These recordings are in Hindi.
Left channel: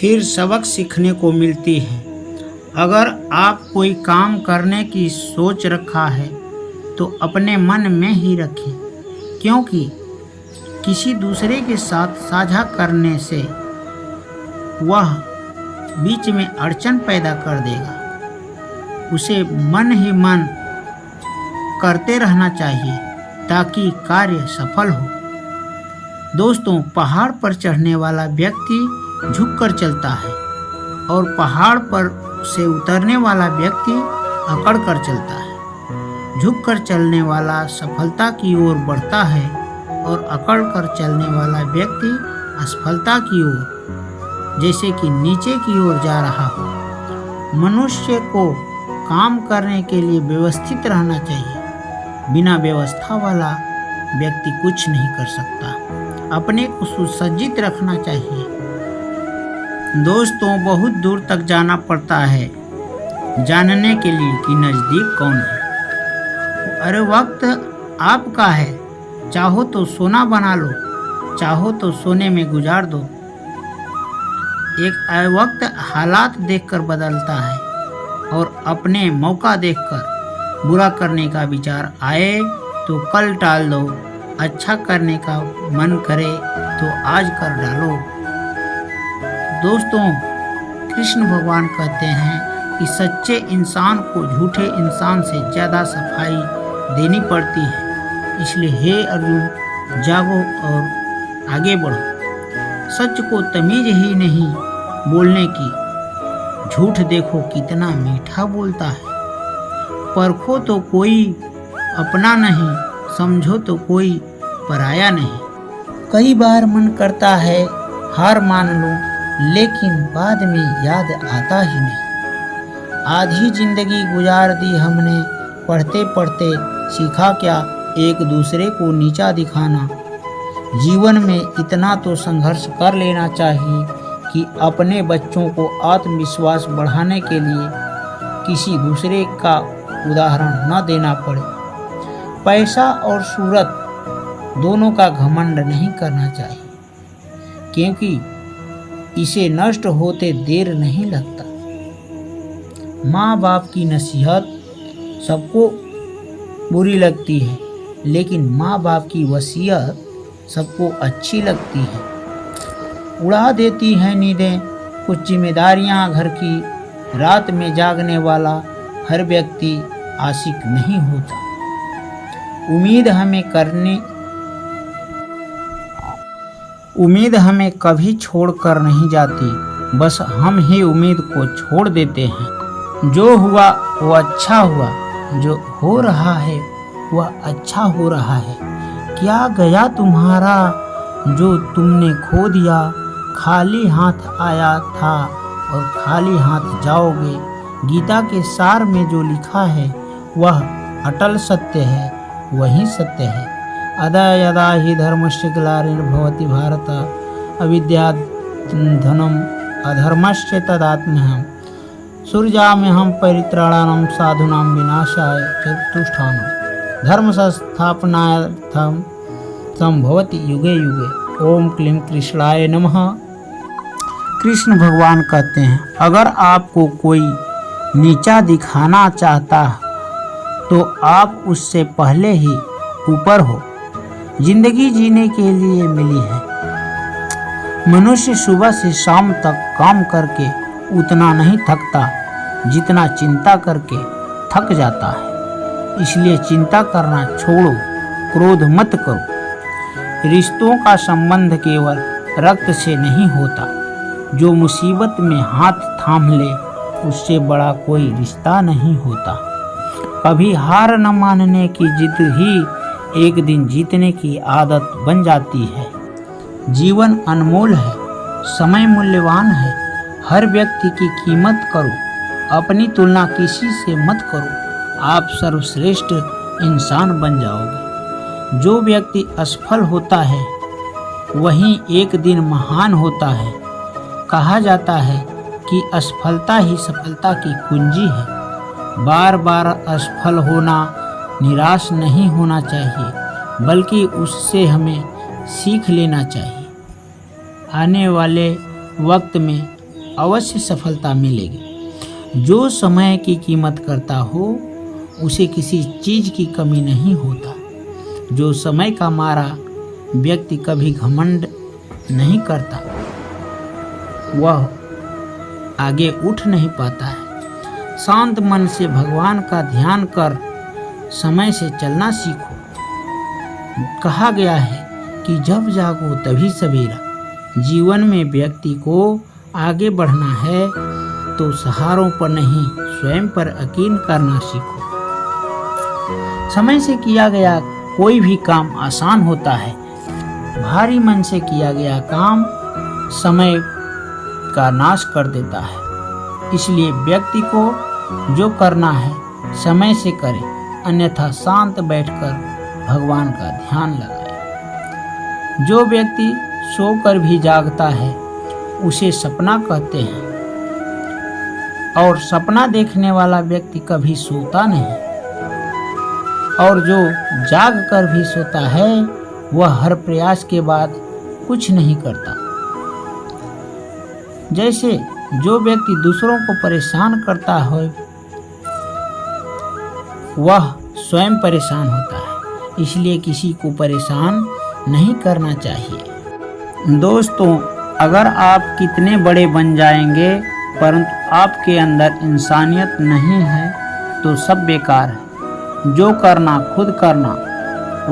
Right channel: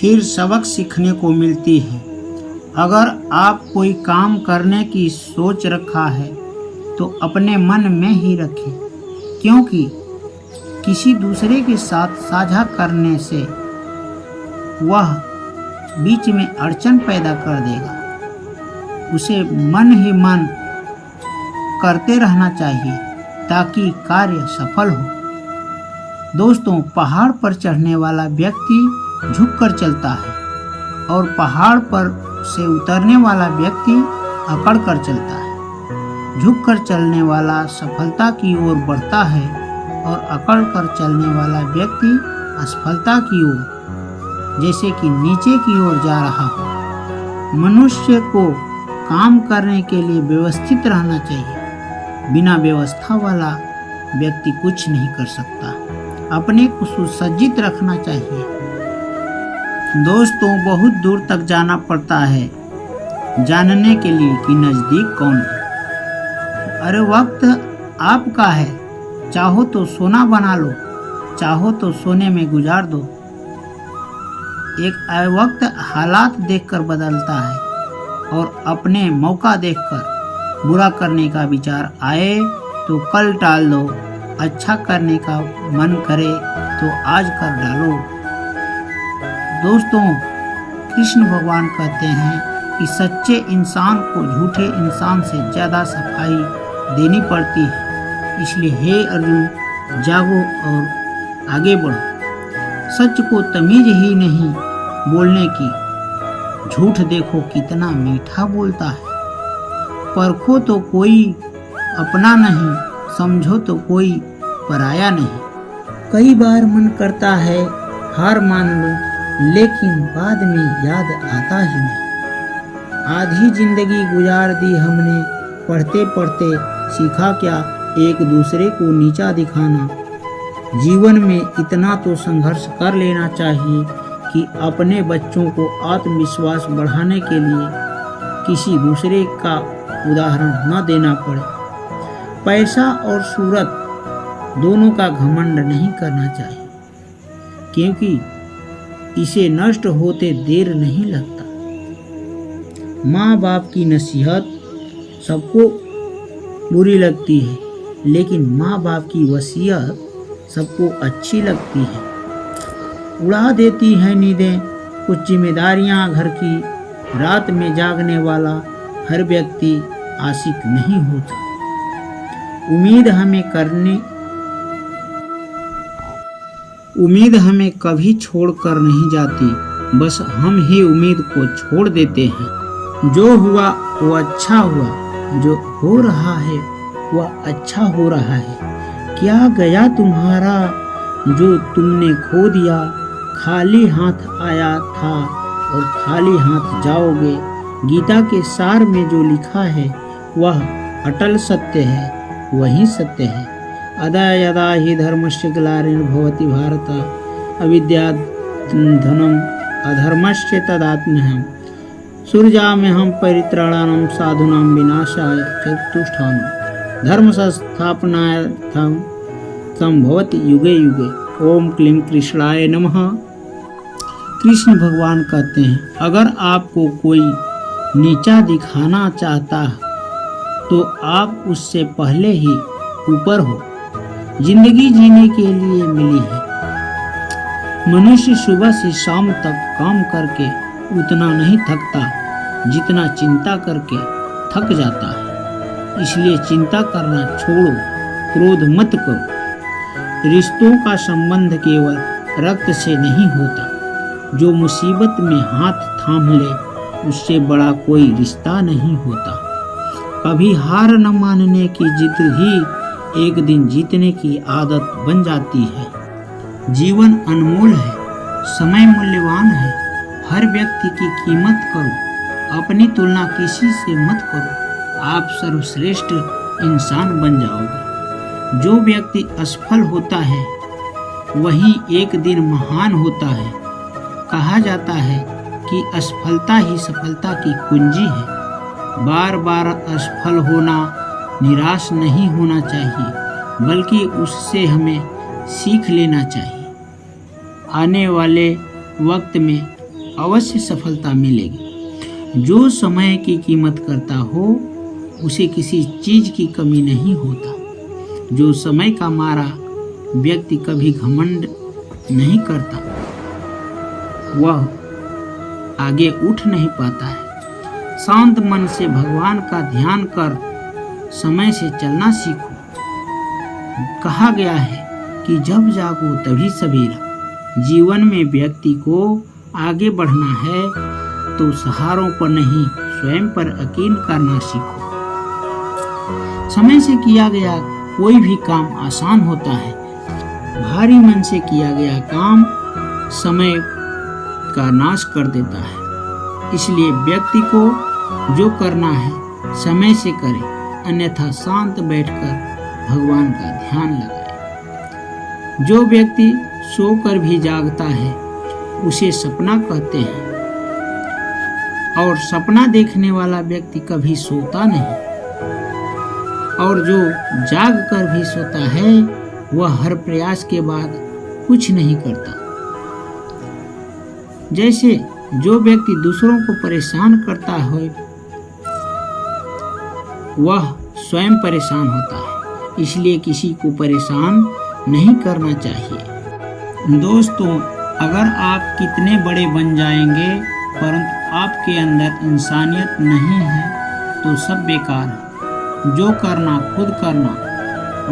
फिर सबक सीखने को मिलती है। अगर आप कोई काम करने की सोच रखा है तो अपने मन में ही रखें, क्योंकि किसी दूसरे के साथ साझा करने से वह बीच में अड़चन पैदा कर देगा। उसे मन ही मन करते रहना चाहिए ताकि कार्य सफल हो। दोस्तों, पहाड़ पर चढ़ने वाला व्यक्ति झुककर चलता है और पहाड़ पर से उतरने वाला व्यक्ति अकड़ कर चलता है। झुककर चलने वाला सफलता की ओर बढ़ता है और अकड़ कर चलने वाला व्यक्ति असफलता की ओर, जैसे कि नीचे की ओर जा रहा हो। मनुष्य को काम करने के लिए व्यवस्थित रहना चाहिए। बिना व्यवस्था वाला व्यक्ति कुछ नहीं कर सकता। अपने को सुसज्जित रखना चाहिए। दोस्तों, बहुत दूर तक जाना पड़ता है जानने के लिए कि नज़दीक कौन है। अरे वक्त आपका है, चाहो तो सोना बना लो, चाहो तो सोने में गुजार दो। एक वक्त हालात देखकर बदलता है और अपने मौका देखकर बुरा करने का विचार आए तो कल टाल दो। अच्छा करने का मन करे तो आज कर डालो। दोस्तों, कृष्ण भगवान कहते हैं कि सच्चे इंसान को झूठे इंसान से ज़्यादा सफाई देनी पड़ती है। इसलिए हे अर्जुन, जागो और आगे बढ़ो। सच को तमीज ही नहीं बोलने की, झूठ देखो कितना मीठा बोलता है। परखो तो कोई अपना नहीं, समझो तो कोई पराया नहीं। कई बार मन करता है हार मान लो, लेकिन बाद में याद आता ही नहीं। आधी जिंदगी गुजार दी हमने, पढ़ते पढ़ते सीखा क्या एक दूसरे को नीचा दिखाना। जीवन में इतना तो संघर्ष कर लेना चाहिए कि अपने बच्चों को आत्मविश्वास बढ़ाने के लिए किसी दूसरे का उदाहरण न देना पड़े। पैसा और शोहरत दोनों का घमंड नहीं करना चाहिए, क्योंकि इसे नष्ट होते देर नहीं लगता। माँ बाप की नसीहत सबको बुरी लगती है, लेकिन माँ बाप की वसीयत सबको अच्छी लगती है। उड़ा देती है नींदें कुछ जिम्मेदारियां घर की। रात में जागने वाला हर व्यक्ति आशिक नहीं होता। उम्मीद हमें कभी छोड़ कर नहीं जाती, बस हम ही उम्मीद को छोड़ देते हैं। जो हुआ वो अच्छा हुआ, जो हो रहा है वह अच्छा हो रहा है। क्या गया तुम्हारा जो तुमने खो दिया। खाली हाथ आया था और खाली हाथ जाओगे। गीता के सार में जो लिखा है वह अटल सत्य है, वही सत्य है। अदा यदा हि धर्मस्य ग्लानिर्भवति भारत अविद्या धनम अधर्मस्य तदात्म्यहम् सृजाम्यहं परित्राणाय साधूनां विनाशाय चतुष्टायम् धर्म संस्थापनार्थं संभवति युगे युगे। ओम क्लीं कृष्णाय नमः। कृष्ण भगवान कहते हैं, अगर आपको कोई नीचा दिखाना चाहता तो आप उससे पहले ही ऊपर हो। जिंदगी जीने के लिए मिली है। मनुष्य सुबह से शाम तक काम करके उतना नहीं थकता जितना चिंता करके थक जाता है। इसलिए चिंता करना छोड़ो, क्रोध मत करो। रिश्तों का संबंध केवल रक्त से नहीं होता। जो मुसीबत में हाथ थाम ले उससे बड़ा कोई रिश्ता नहीं होता। कभी हार न मानने की जिद ही एक दिन जीतने की आदत बन जाती है। जीवन अनमोल है, समय मूल्यवान है। हर व्यक्ति की कीमत करो, अपनी तुलना किसी से मत करो। आप सर्वश्रेष्ठ इंसान बन जाओगे। जो व्यक्ति असफल होता है वही एक दिन महान होता है। कहा जाता है कि असफलता ही सफलता की कुंजी है। बार बार असफल होना, निराश नहीं होना चाहिए, बल्कि उससे हमें सीख लेना चाहिए। आने वाले वक्त में अवश्य सफलता मिलेगी। जो समय की कीमत करता हो उसे किसी चीज की कमी नहीं होता। जो समय का मारा व्यक्ति कभी घमंड नहीं करता, वह आगे उठ नहीं पाता है। शांत मन से भगवान का ध्यान कर समय से चलना सीखो। कहा गया है कि जब जागो तभी सवेरा। जीवन में व्यक्ति को आगे बढ़ना है तो सहारों पर नहीं, स्वयं पर यकीन करना सीखो। समय से किया गया कोई भी काम आसान होता है। भारी मन से किया गया काम समय का नाश कर देता है। इसलिए व्यक्ति को जो करना है समय से करे, अन्यथा शांत बैठकर भगवान का ध्यान लगाए। जो व्यक्ति सोकर भी जागता है उसे सपना कहते हैं, और सपना देखने वाला व्यक्ति कभी सोता नहीं। और जो जाग कर भी सोता है वह हर प्रयास के बाद कुछ नहीं करता। जैसे जो व्यक्ति दूसरों को परेशान करता है वह स्वयं परेशान होता है। इसलिए किसी को परेशान नहीं करना चाहिए। दोस्तों, अगर आप कितने बड़े बन जाएंगे परंतु आपके अंदर इंसानियत नहीं है तो सब बेकार है। जो करना खुद करना।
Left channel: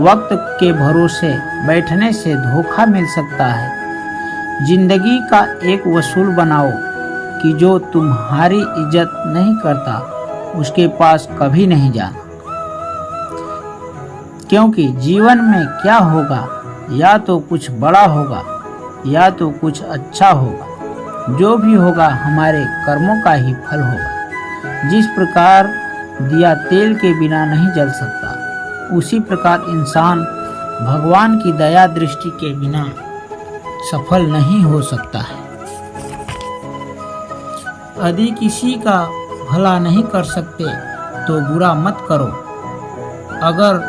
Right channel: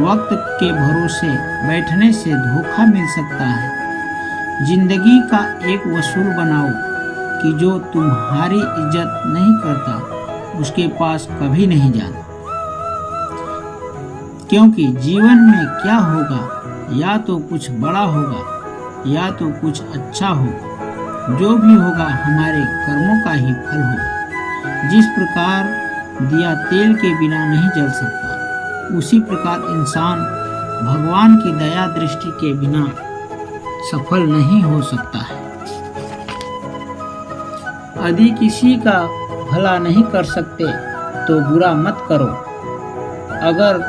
वक्त के भरोसे बैठने से धोखा मिल सकता है। जिंदगी का एक वसूल बनाओ कि जो तुम्हारी इज्जत नहीं करता उसके पास कभी नहीं जाना। क्योंकि जीवन में क्या होगा, या तो कुछ बड़ा होगा या तो कुछ अच्छा होगा। जो भी होगा हमारे कर्मों का ही फल होगा। जिस प्रकार दिया तेल के बिना नहीं जल सकता, उसी प्रकार इंसान भगवान की दया दृष्टि के बिना सफल नहीं हो सकता है। यदि किसी का भला नहीं कर सकते तो बुरा मत करो। अगर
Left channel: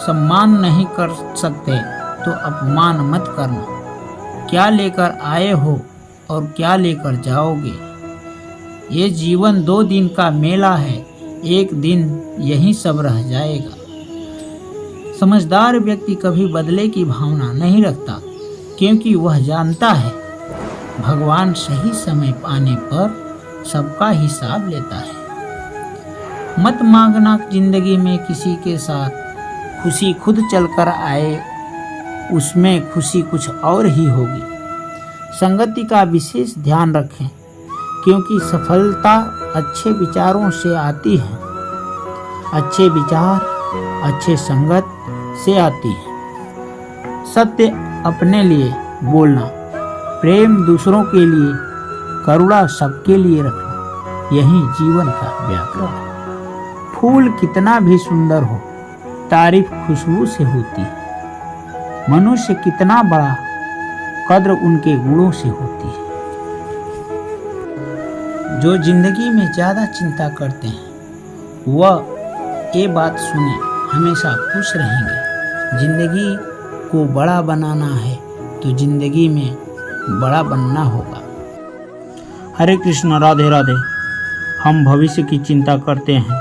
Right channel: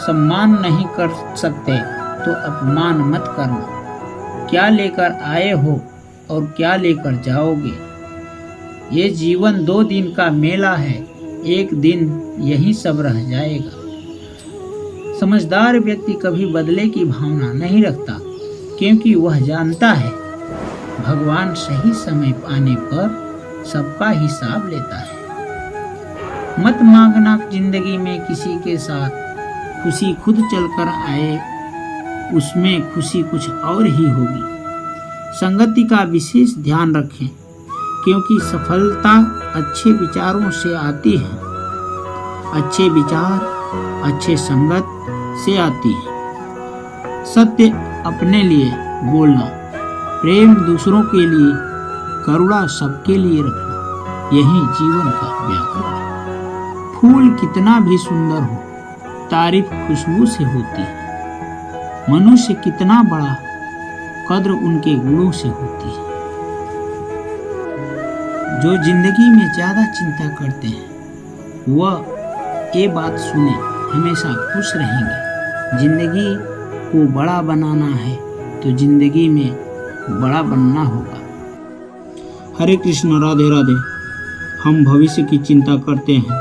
सम्मान नहीं कर सकते तो अपमान मत करना। क्या लेकर आए हो और क्या लेकर जाओगे? ये जीवन 2 दिन का मेला है, एक दिन यही सब रह जाएगा। समझदार व्यक्ति कभी बदले की भावना नहीं रखता, क्योंकि वह जानता है भगवान सही समय आने पर सबका हिसाब लेता है। मत मांगना जिंदगी में किसी के साथ खुशी खुद चलकर आए, उसमें खुशी कुछ और ही होगी। संगति का विशेष ध्यान रखें, क्योंकि सफलता अच्छे विचारों से आती है। अच्छे विचार अच्छे संगत से आती है। सत्य अपने लिए बोलना, प्रेम दूसरों के लिए, करुणा सबके लिए रखना, यही जीवन का व्याकरण है। फूल कितना भी सुंदर हो, तारीफ खुशबू से होती है। मनुष्य कितना बड़ा, कद्र उनके गुणों से होती है। जो जिंदगी में ज्यादा चिंता करते हैं वह ये बात सुने, हमेशा खुश रहेंगे। जिंदगी को बड़ा बनाना है तो जिंदगी में बड़ा बनना होगा। हरे कृष्ण, राधे राधे। हम भविष्य की चिंता करते हैं,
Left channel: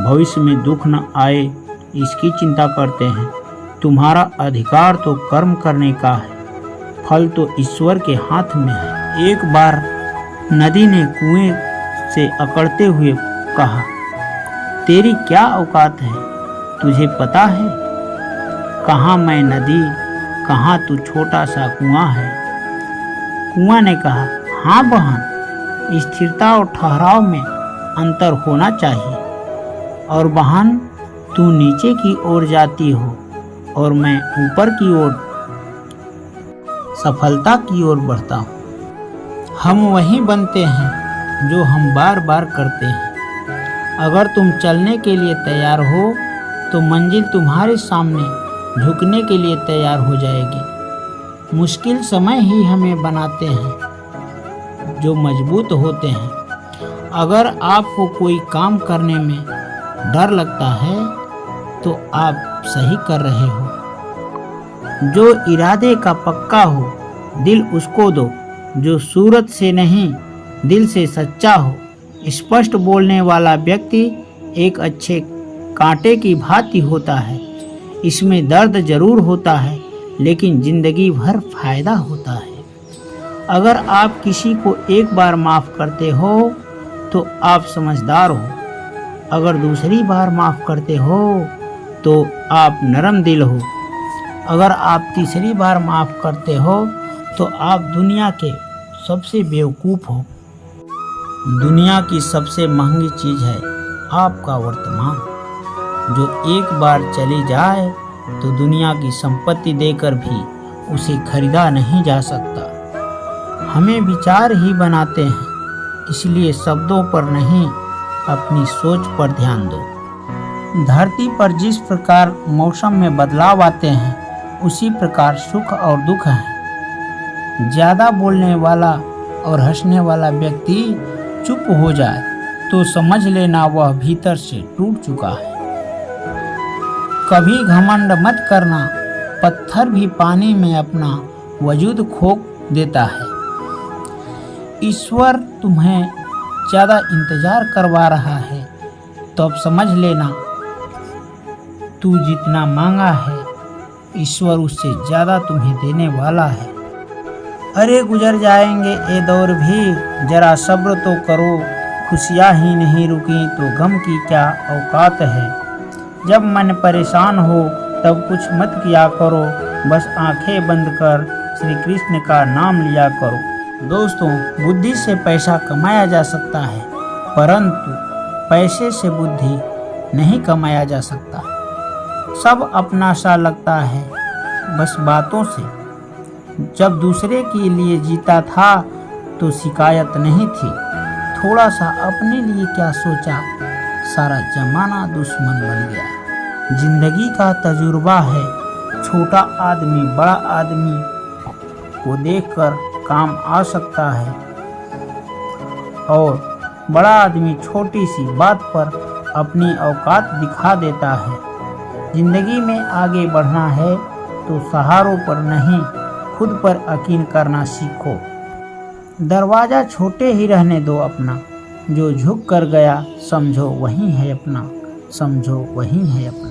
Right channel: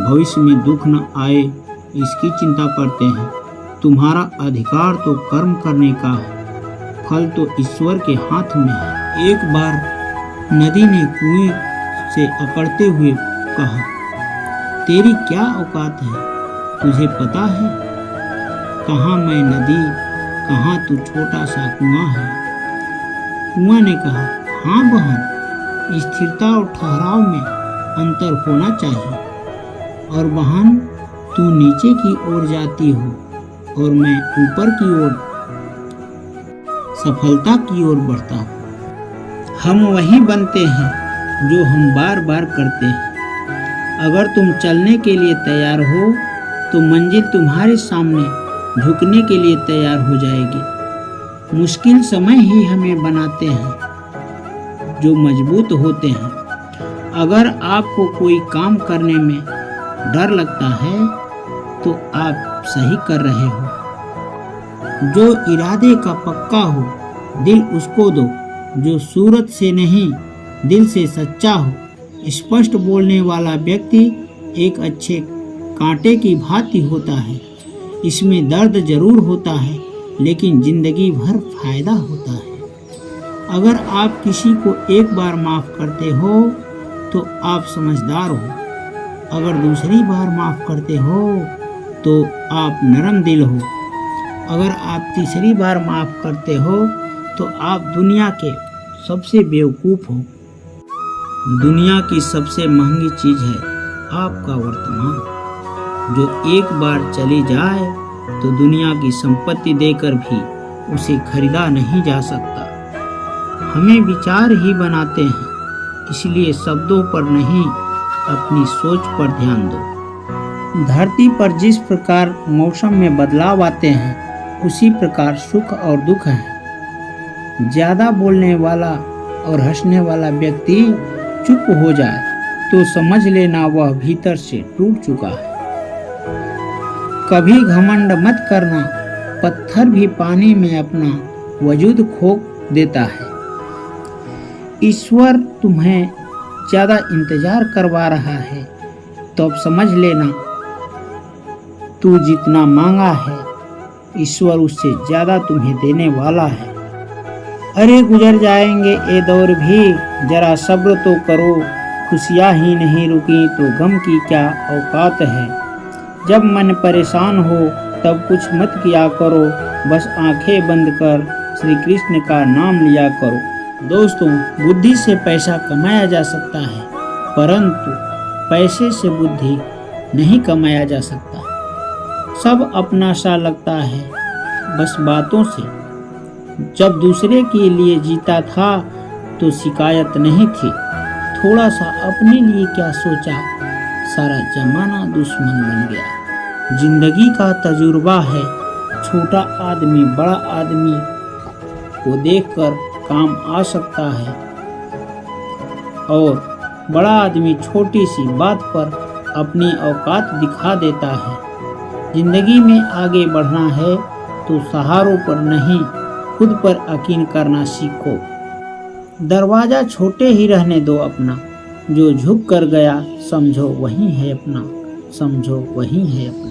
भविष्य में दुख न आए इसकी चिंता करते हैं। तुम्हारा अधिकार तो कर्म करने का है, फल तो ईश्वर के हाथ में है। एक बार नदी ने कुएं से अकड़ते हुए कहा, तेरी क्या औकात है, तुझे पता है? कहाँ मैं नदी, कहाँ तू छोटा सा कुआं है। कुआं ने कहा, हाँ बहन, स्थिरता और ठहराव में अंतर होना चाहिए। और बहन, तू नीचे की ओर जाती हो और मैं ऊपर की ओर सफलता की ओर बढ़ता हूँ। हम वही बनते हैं जो हम बार बार करते हैं। अगर तुम चलने के लिए तैयार हो तो मंजिल तुम्हारे सामने झुकने के लिए तैयार हो जाएगी। मुश्किल समय ही हमें बनाते हैं जो मजबूत होते हैं। अगर आपको कोई काम करने में डर लगता है तो आप सही कर रहे हो। जो इरादे का पक्का हो दिल उसको दो, जो सूरत से नहीं दिल से सच्चा हो। स्पष्ट बोलने वाला व्यक्ति एक अच्छे कांटे की भांति होता है। इसमें दर्द जरूर होता है, लेकिन जिंदगी भर फायदा होता है। अगर आप किसी को एक बार माफ करते हो तो आप समझदार हो। अगर दूसरी बार माफ करते हो तो आप नरम दिल हो। अगर आप तीसरी बार माफ करते हो तो आप दुनिया के सबसे बेवकूफ़ हो। दुनिया की सबसे महंगी चीज़ है आपका वर्तमान, जो एक बार चली जाए तो दुनिया की संपत्ति देकर भी उसे खरीदा नहीं जा सकता। हमें विचार ही बनाते हैं, इसलिए शब्दों पर नहीं, अपनी सोच पर ध्यान दो। धरती पर जिस प्रकार मौसम में बदलाव आते हैं, उसी प्रकार सुख और दुख हैं। ज़्यादा बोलने वाला और हंसने वाला व्यक्ति चुप हो जाए तो समझ लेना वह भीतर से टूट चुका है। कभी घमंड मत करना, पत्थर भी पानी में अपना वजूद खो देता है। ईश्वर तुम्हें ज़्यादा इंतजार करवा रहा है तो अब समझ लेना, तू जितना मांगा है ईश्वर उससे ज़्यादा तुम्हें देने वाला है। अरे गुजर जाएंगे ये दौर भी, जरा सब्र तो करो। खुशियाँ ही नहीं रुकी तो गम की क्या औकात है। जब मन परेशान हो तब कुछ मत किया करो, बस आंखें बंद कर श्री कृष्ण का नाम लिया करो। दोस्तों, बुद्धि से पैसा कमाया जा सकता है, परंतु पैसे से बुद्धि नहीं कमाया जा सकता। सब अपना सा लगता है बस बातों से। जब दूसरे के लिए जीता था तो शिकायत नहीं थी, थोड़ा सा अपने लिए क्या सोचा, सारा जमाना दुश्मन बन गया। जिंदगी का तजुर्बा है, छोटा आदमी बड़ा आदमी को देखकर काम आ सकता है और बड़ा आदमी छोटी सी बात पर अपनी औकात दिखा देता है। जिंदगी में आगे बढ़ना है तो सहारों पर नहीं, खुद पर यकीन करना सीखो। दरवाजा छोटे ही रहने दो अपना, जो झुक कर गया समझो वही है अपना, समझो वही है अपना।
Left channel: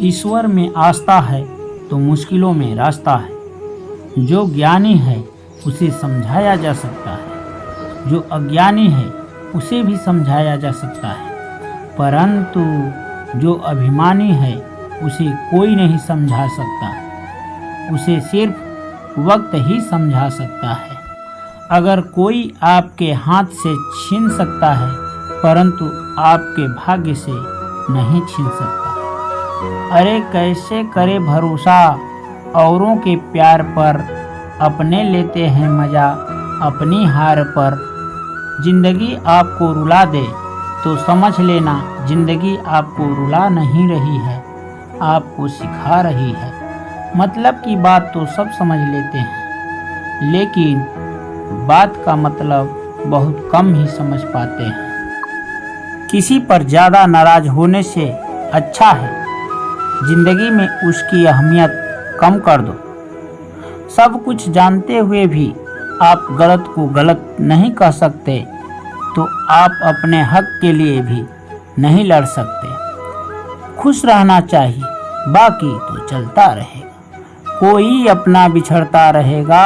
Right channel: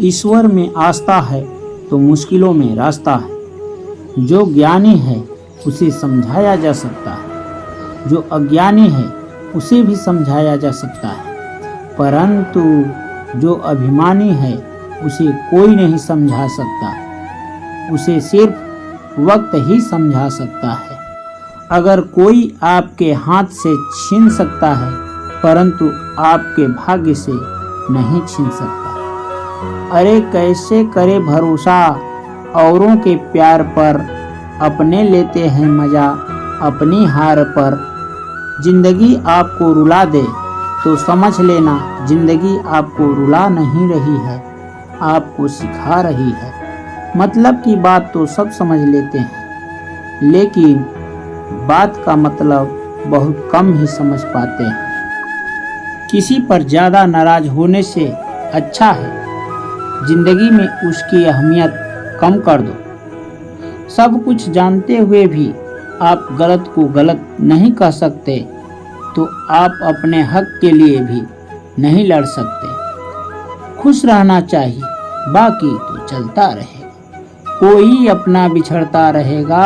ईश्वर में आस्था है तो मुश्किलों में रास्ता है। जो ज्ञानी है उसे समझाया जा सकता है, जो अज्ञानी है उसे भी समझाया जा सकता है, परंतु जो अभिमानी है उसे कोई नहीं समझा सकता। उसे सिर्फ वक्त ही समझा सकता है। अगर कोई आपके हाथ से छीन सकता है, परंतु आपके भाग्य से नहीं छीन सकता। अरे कैसे करे भरोसा औरों के प्यार पर, अपने लेते हैं मजा अपनी हार पर। जिंदगी आपको रुला दे तो समझ लेना, जिंदगी आपको रुला नहीं रही है, आपको सिखा रही है। मतलब की बात तो सब समझ लेते हैं, लेकिन बात का मतलब बहुत कम ही समझ पाते हैं। किसी पर ज़्यादा नाराज होने से अच्छा है जिंदगी में उसकी अहमियत कम कर दो। सब कुछ जानते हुए भी आप गलत को गलत नहीं कह सकते, तो आप अपने हक के लिए भी नहीं लड़ सकते। खुश रहना चाहिए, बाकी तो चलता रहेगा। कोई अपना बिछड़ता रहेगा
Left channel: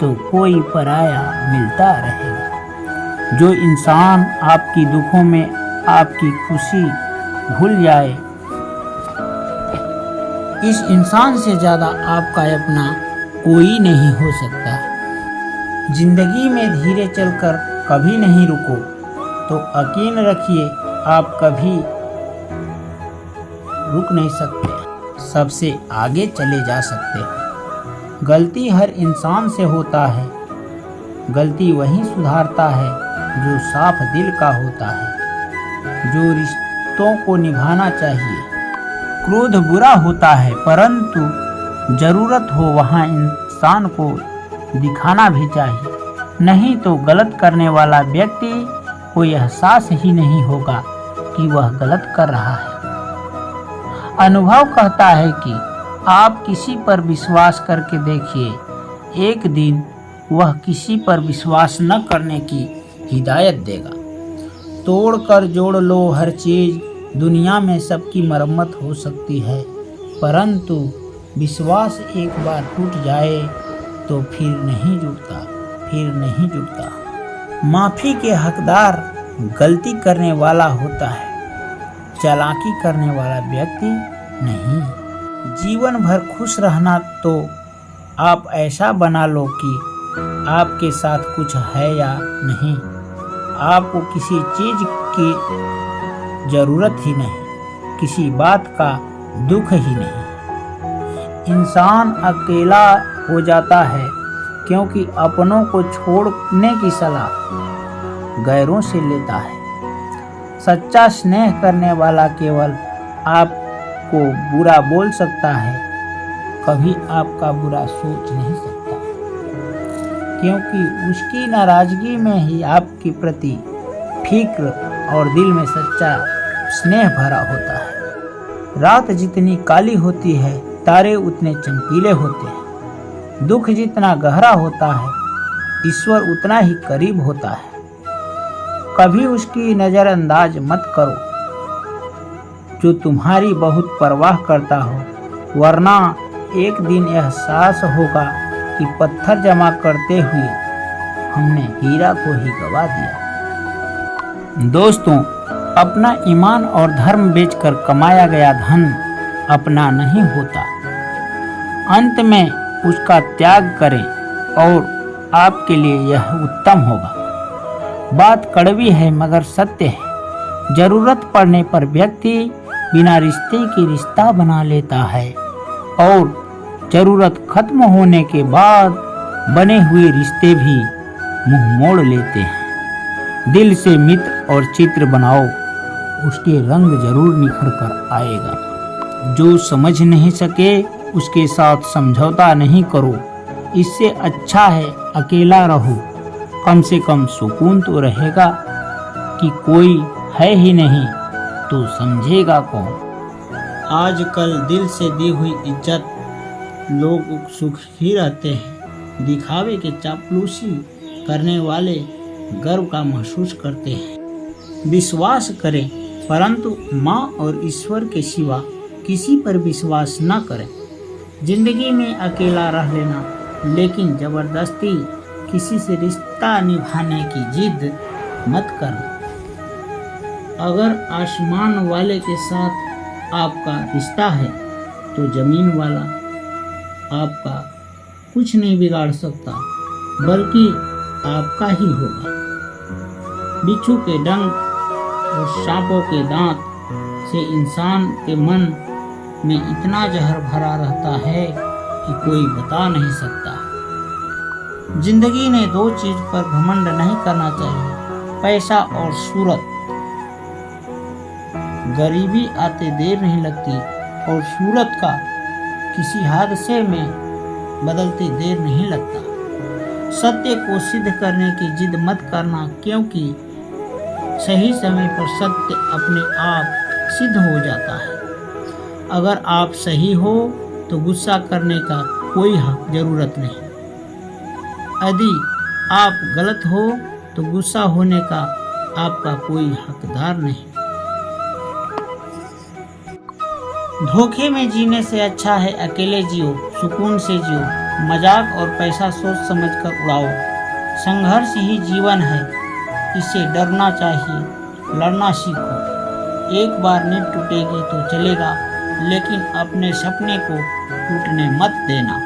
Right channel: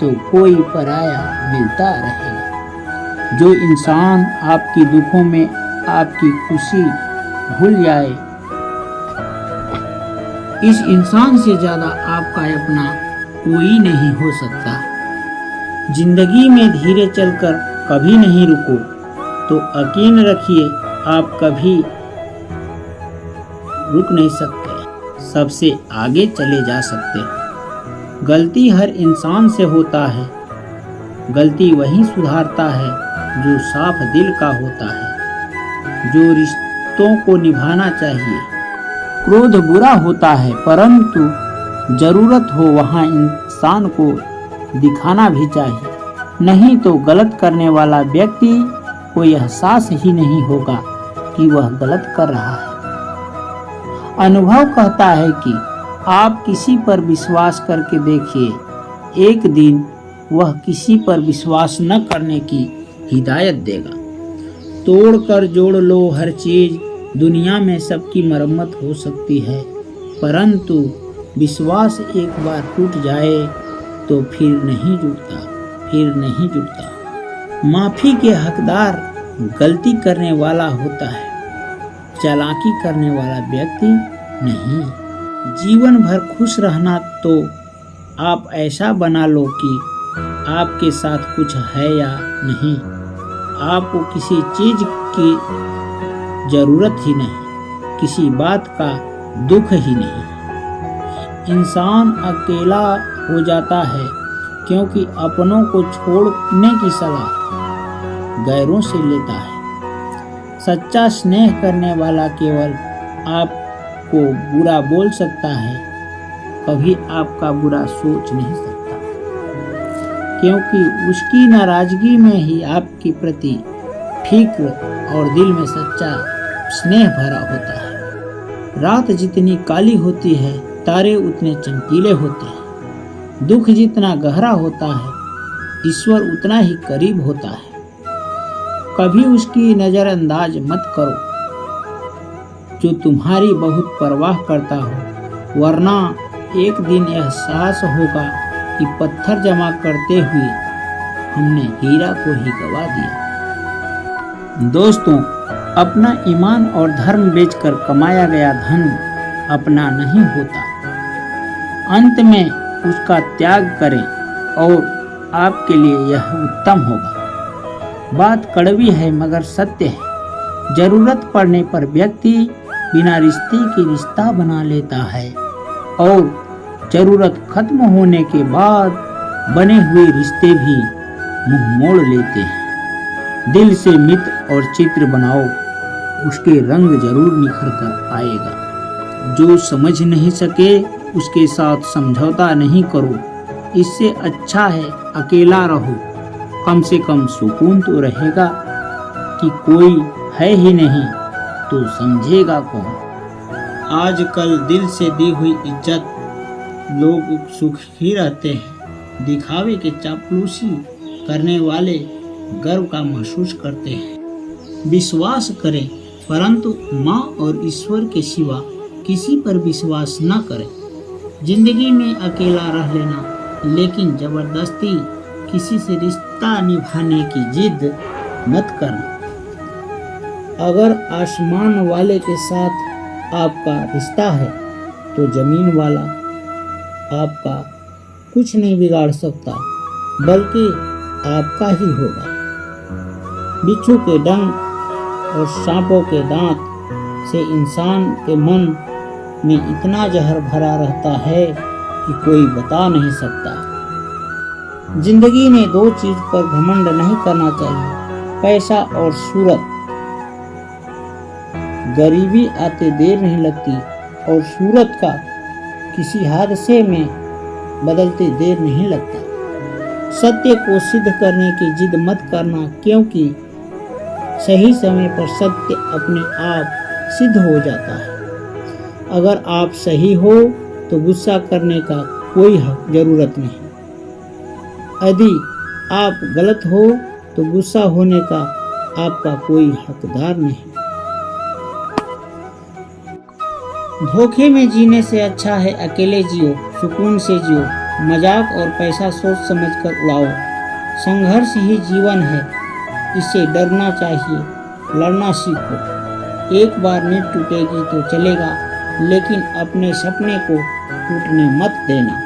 तो कोई पराया मिलता रहेगा। जो इंसान आपकी दुखों में आपकी खुशी भूल जाए, इस इंसान से ज्यादा आपका अपना कोई नहीं हो सकता। जिंदगी में धीरे चलकर कभी नहीं रुको, तो यकीन रखिए आप कभी रुक नहीं सकते, सबसे आगे चले जा सकते हैं। गलती हर इंसान से होता है, गलती वही सुधारता है जो साफ दिल का होता है, जो रिश्तों को निभाना चाहिए। क्रोध बुरा होता है, परंतु जरूरत हो वहाँ इंसान को दिखाना भी चाहिए, नहीं तो गलत करने वाला व्यक्ति को एहसास ही नहीं होगा कि वह गलत कर रहा है। अनुभव कहता है कि आप किसी पर विश्वास करके देखिए, एक दिन वह किसी पर विश्वास न करने की हिदायत देगा। तोड़ कर जोड़ लो हर चीज, दुनिया में सबकी मरम्मत हो सकती है, परंतु विश्वास एक बार टूट जाए तो फिर नहीं जुड़ता। माफी के हकदार गलती करने वाला होता है, चालाकी करने वाला व्यक्ति नहीं। जीवन भर खुश रहना तो आप ऐसा बना लो कि आपके साथ कुछ है या नहीं, आपको किसी चीज की जरूरत ही नहीं, किसी बात का दुख ही नहीं। इंसान अकेला हो जाता है क्योंकि अपनों को छोड़ने की सलाह गैरों से लेता है। सच्चा स्नेह करने वाला केवल आपको बुरा बोल सकता है, कभी आपका बुरा सोच नहीं सकता, क्योंकि उसकी नाराजगी में ही आपके प्रति फिक्र और दिल में सच्चा स्नेह भरा होता है। रात जितनी काली होती है, तारे उतने चमकीले होते हैं। दुख जितना गहरा होता है, ईश्वर उतना ही करीब होता है। कभी उसकी नजरअंदाज मत करो जो तुम्हारी बहुत परवाह करता हो, वरना एक दिन एहसास होगा कि पत्थर जमा करते हुए हमने हीरा को ही गवा दिया। दोस्तों, अपना ईमान और धर्म बेचकर कमाया गया धन अपना नहीं होता। अंत में उसका त्याग करें और आपके लिए यह उत्तम होगा। बात कड़वी है मगर सत्य है। जरूरत पड़ने पर व्यक्ति बिना रिश्ते के रिश्ता बना लेता है और जरूरत खत्म होने के बाद बने हुए रिश्ते भी मुंह मोड़ लेते हैं। दिल से मित्र और चित्र बनाओ, उसके रंग जरूर निखर कर आएगा। जो समझ नहीं सके उसके साथ समझौता नहीं करो। इससे अच्छा है अकेला रहो, कम से कम सुकून तो रहेगा कि कोई है ही नहीं तो समझेगा कौन। आजकल दिल से दी हुई इज्जत लोग सुखी रहते हैं, दिखावे के चापलूसी करने वाले गर्व का महसूस करते हैं। विश्वास करें, परंतु माँ और ईश्वर के सिवा किसी पर विश्वास न करें। जिंदगी में अकेला रह लेना, लेकिन जबरदस्ती किसी से रिश्ता निभाने की जिद मत करना। अगर आसमान वाले के साथ आपका रिश्ता है तो जमीन वाला आपका कुछ नहीं बिगाड़ सकता, बल्कि आपका ही होगा। बिच्छू के डंक और सांपों के दांत से इंसान के मन में इतना जहर भरा रहता है कि कोई बता नहीं सकता। जिंदगी में दो चीज पर घमंड नहीं करना चाहिए, पैसा और सूरत। गरीबी आते देर नहीं लगती और सूरत का किसी हादसे में बदलते देर नहीं लगता। सत्य को सिद्ध करने की जिद मत करना, क्योंकि सही समय पर सत्य अपने आप सिद्ध हो जाता है। अगर आप सही हो तो गुस्सा करने का कोई जरूरत नहीं। यदि आप गलत हो तो गुस्सा होने का आपका कोई हकदार नहीं। धोखे में जीने से अच्छा है अकेले जियो, सुकून से जियो। मजाक और पैसा सोच समझकर उड़ाओ। संघर्ष ही जीवन है, इसे डरना चाहिए, लड़ना सीखो। एक बार नींद टूटेगी तो चलेगा, लेकिन अपने सपने को टूटने मत देना।